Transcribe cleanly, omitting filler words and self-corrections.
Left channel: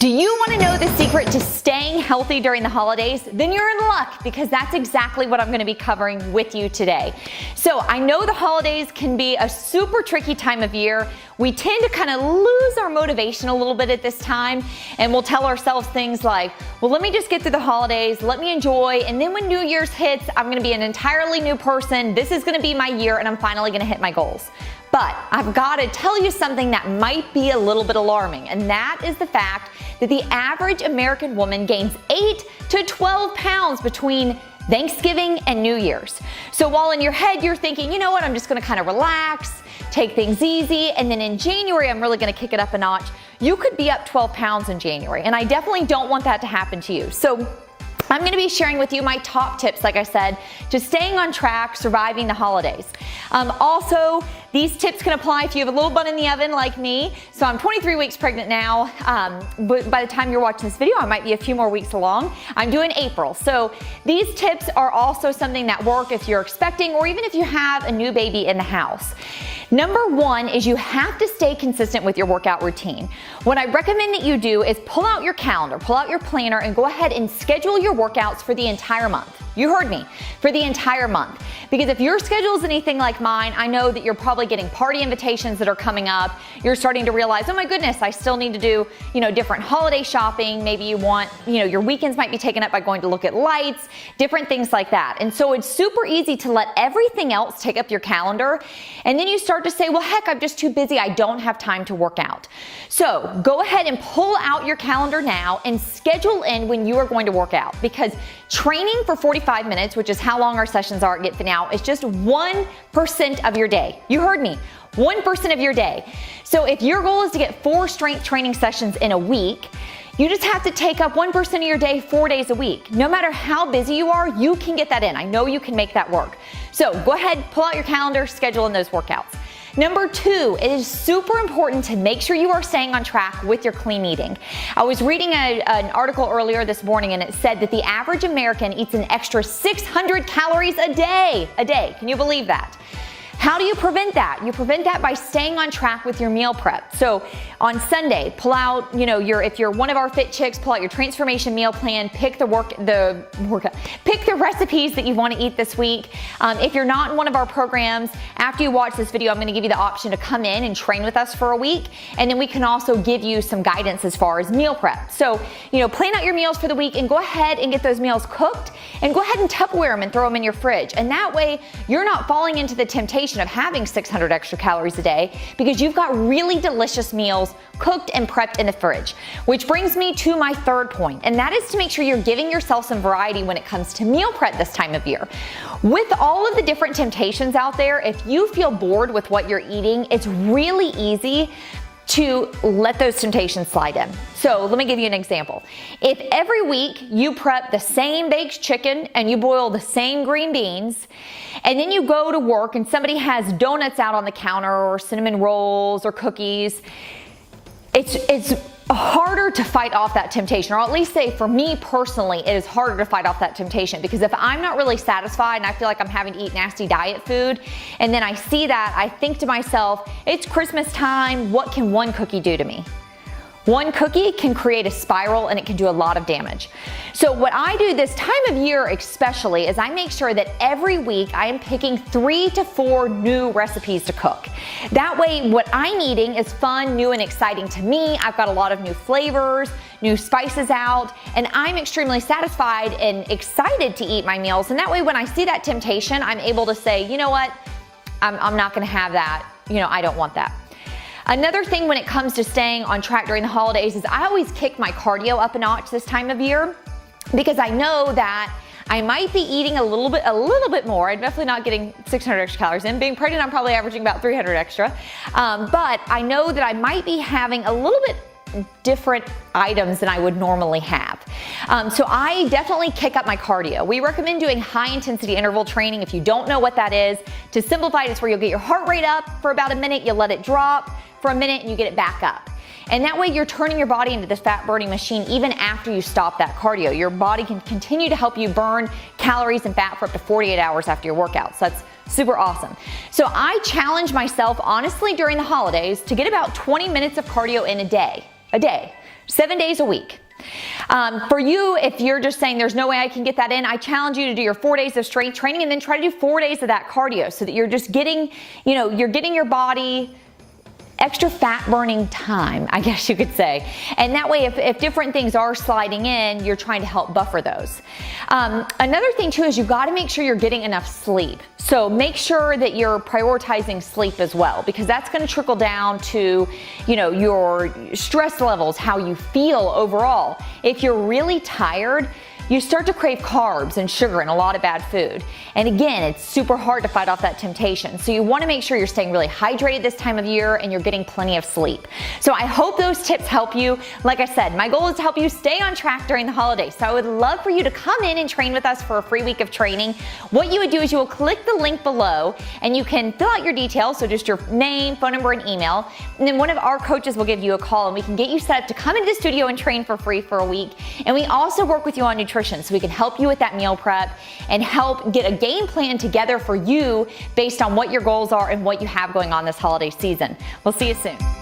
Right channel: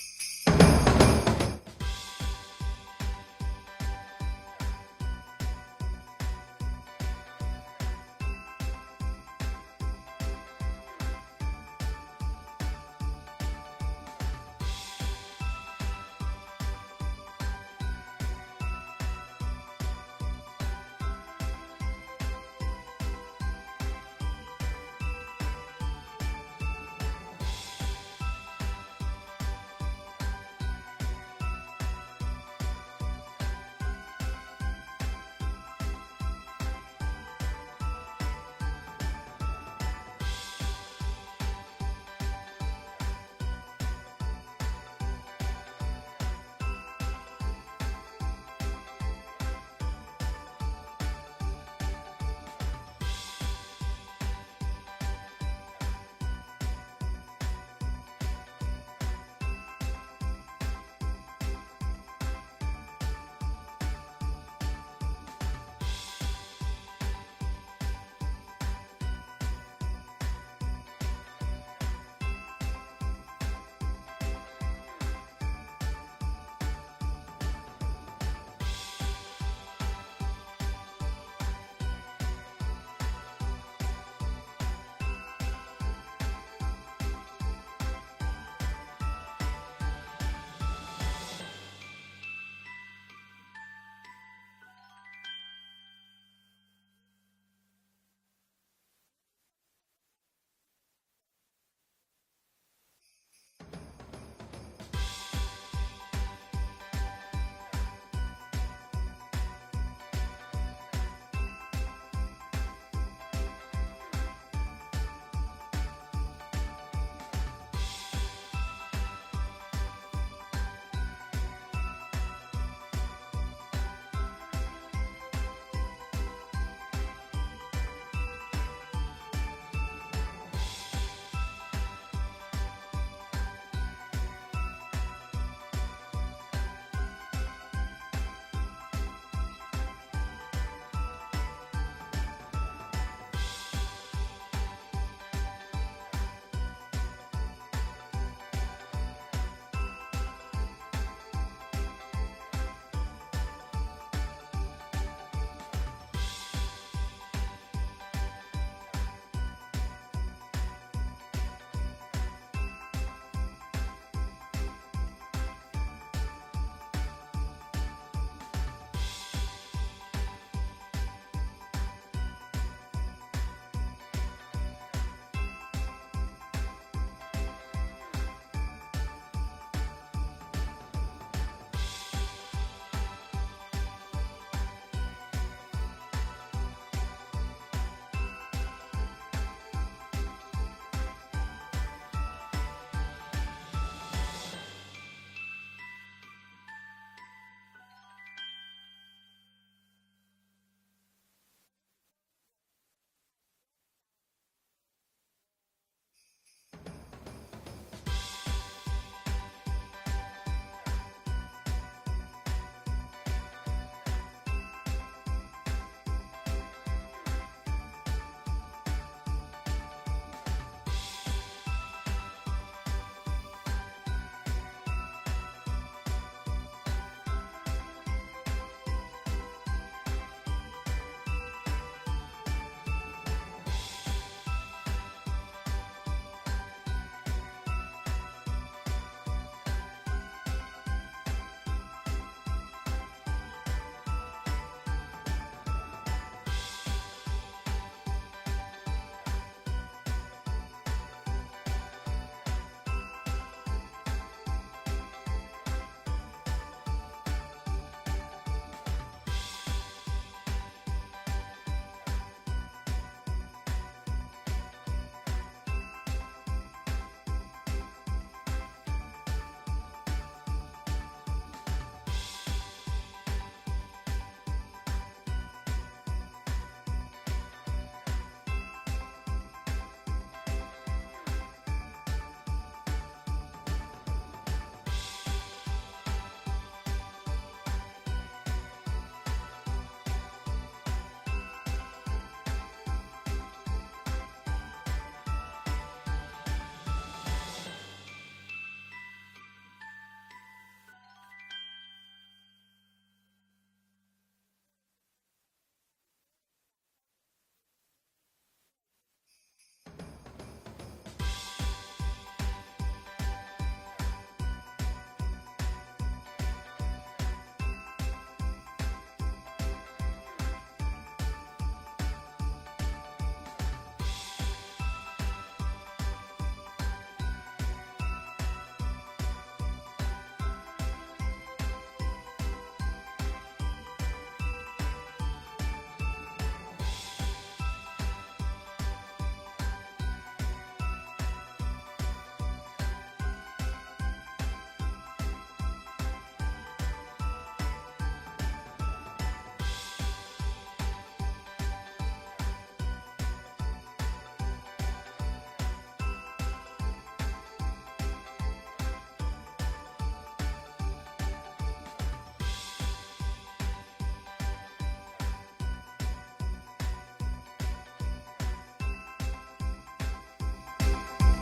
Do you want to know the secret to staying healthy during the holidays? Then you're in luck, because that's exactly what I'm going to be covering with you today. So I know the holidays can be a super tricky time of year. We tend to kind of lose our motivation a little bit at this time, and we'll tell ourselves things like, well, let me just get through the holidays, let me enjoy, and then when New Year's hits, I'm going to be an entirely new person. This is going to be my year, and I'm finally going to hit my goals. But I've got to tell you something that might be a little bit alarming, and that is the fact that the average American woman gains 8 to 12 pounds between Thanksgiving and New Year's. So while in your head you're thinking, you know what, I'm just gonna kind of relax, take things easy, and then in January I'm really gonna kick it up a notch, you could be up 12 pounds in January, and I definitely don't want that to happen to you. So I'm going to be sharing with you my top tips, like I said, to staying on track, surviving the holidays. Also, these tips can apply if you have a little bun in the oven like me. So I'm 23 weeks pregnant now, but by the time you're watching this video, I might be a few more weeks along. I'm doing April. So these tips are also something that work if you're expecting or even if you have a new baby in the house. Number one is you have to stay consistent with your workout routine. What I recommend that you do is pull out your calendar, pull out your planner, and go ahead and schedule your workouts for the entire month. You heard me, for the entire month. Because if your schedule is anything like mine, I know that you're probably getting party invitations that are coming up. You're starting to realize, oh my goodness, I still need to do, different holiday shopping. Maybe you want, your weekends might be taken up by going to look at lights, different things like that. And so it's super easy to let everything else take up your calendar. And then you start to say, well, heck, I'm just too busy. I don't have time to work out. So go ahead and pull out your calendar now and schedule in when you are going to work out, because training for 45 minutes, which is how long our sessions are at Get Fit Now, is just 1% of your day. You heard me, 1% of your day. So if your goal is to get 4 strength training sessions in a week, you just have to take up 1% of your day 4 days a week. No matter how busy you are, you can get that in. I know you can make that work. So go ahead, pull out your calendar, schedule in those workouts. Number 2, it is super important to make sure you are staying on track with your clean eating. I was reading an article earlier this morning, and it said that the average American eats an extra 600 calories a day. Can you believe that? How do you prevent that? You prevent that by staying on track with your meal prep. So on Sunday, pull out, if you're one of our fit chicks, pull out your transformation meal plan, pick the recipes that you want to eat this week. If you're not in one of our programs, after you watch this video, I'm going to give you the option to come in and train with us for a week, and then we can also give you some guidance as far as meal prep. So, plan out your meals for the week and go ahead and get those meals cooked, and go ahead and Tupperware them and throw them in your fridge. And that way, you're not falling into the temptation of having 600 extra calories a day, because you've got really delicious meals cooked and prepped in the fridge. Which brings me to my third point, and that is to make sure you're giving yourself some variety when it comes to meal prep this time of year. With all of the different temptations out there, if you feel bored with what you're eating, it's really easy to let those temptations slide in. So let me give you an example. If every week you prep the same baked chicken and you boil the same green beans, and then you go to work and somebody has donuts out on the counter or cinnamon rolls or cookies, it's harder to fight off that temptation, or at least say for me personally, it is harder to fight off that temptation, because if I'm not really satisfied and I feel like I'm having to eat nasty diet food, and then I see that, I think to myself, it's Christmas time, what can one cookie do to me? One cookie can create a spiral, and it can do a lot of damage. So what I do this time of year especially is I make sure that every week I am picking 3 to 4 new recipes to cook. That way what I'm eating is fun, new, and exciting to me. I've got a lot of new flavors, new spices out, and I'm extremely satisfied and excited to eat my meals. And that way when I see that temptation, I'm able to say, you know what, I'm not gonna have that. I don't want that. Another thing when it comes to staying on track during the holidays is I always kick my cardio up a notch this time of year, because I know that I might be eating a little bit more. I'm definitely not getting 600 extra calories in. Being pregnant, I'm probably averaging about 300 extra. But I know that I might be having a little bit different items than I would normally have. So I definitely kick up my cardio. We recommend doing high intensity interval training. If you don't know what that is, to simplify it, it's where you'll get your heart rate up for about a minute, you'll let it drop for a minute, and you get it back up. And that way you're turning your body into this fat burning machine even after you stop that cardio. Your body can continue to help you burn calories and fat for up to 48 hours after your workout. So that's super awesome. So I challenge myself honestly during the holidays to get about 20 minutes of cardio in a day. 7 days a week. For you, if you're just saying there's no way I can get that in, I challenge you to do your 4 days of strength training and then try to do 4 days of that cardio so that you're just getting, you're getting your body extra fat burning time, I guess you could say. And that way, if different things are sliding in, you're trying to help buffer those. Another thing too is you got to make sure you're getting enough sleep. So make sure that you're prioritizing sleep as well, because that's going to trickle down to, your stress levels, how you feel overall. If you're really tired, you start to crave carbs and sugar and a lot of bad food. And again, it's super hard to fight off that temptation. So you want to make sure you're staying really hydrated this time of year and you're getting plenty of sleep. So I hope those tips help you. Like I said, my goal is to help you stay on track during the holidays. So I would love for you to come in and train with us for a free week of training. What you would do is you will click the link below and you can fill out your details. So just your name, phone number, and email. And then one of our coaches will give you a call and we can get you set up to come into the studio and train for free for a week. And we also work with you on nutrition. So we can help you with that meal prep and help get a game plan together for you based on what your goals are and what you have going on this holiday season. We'll see you soon.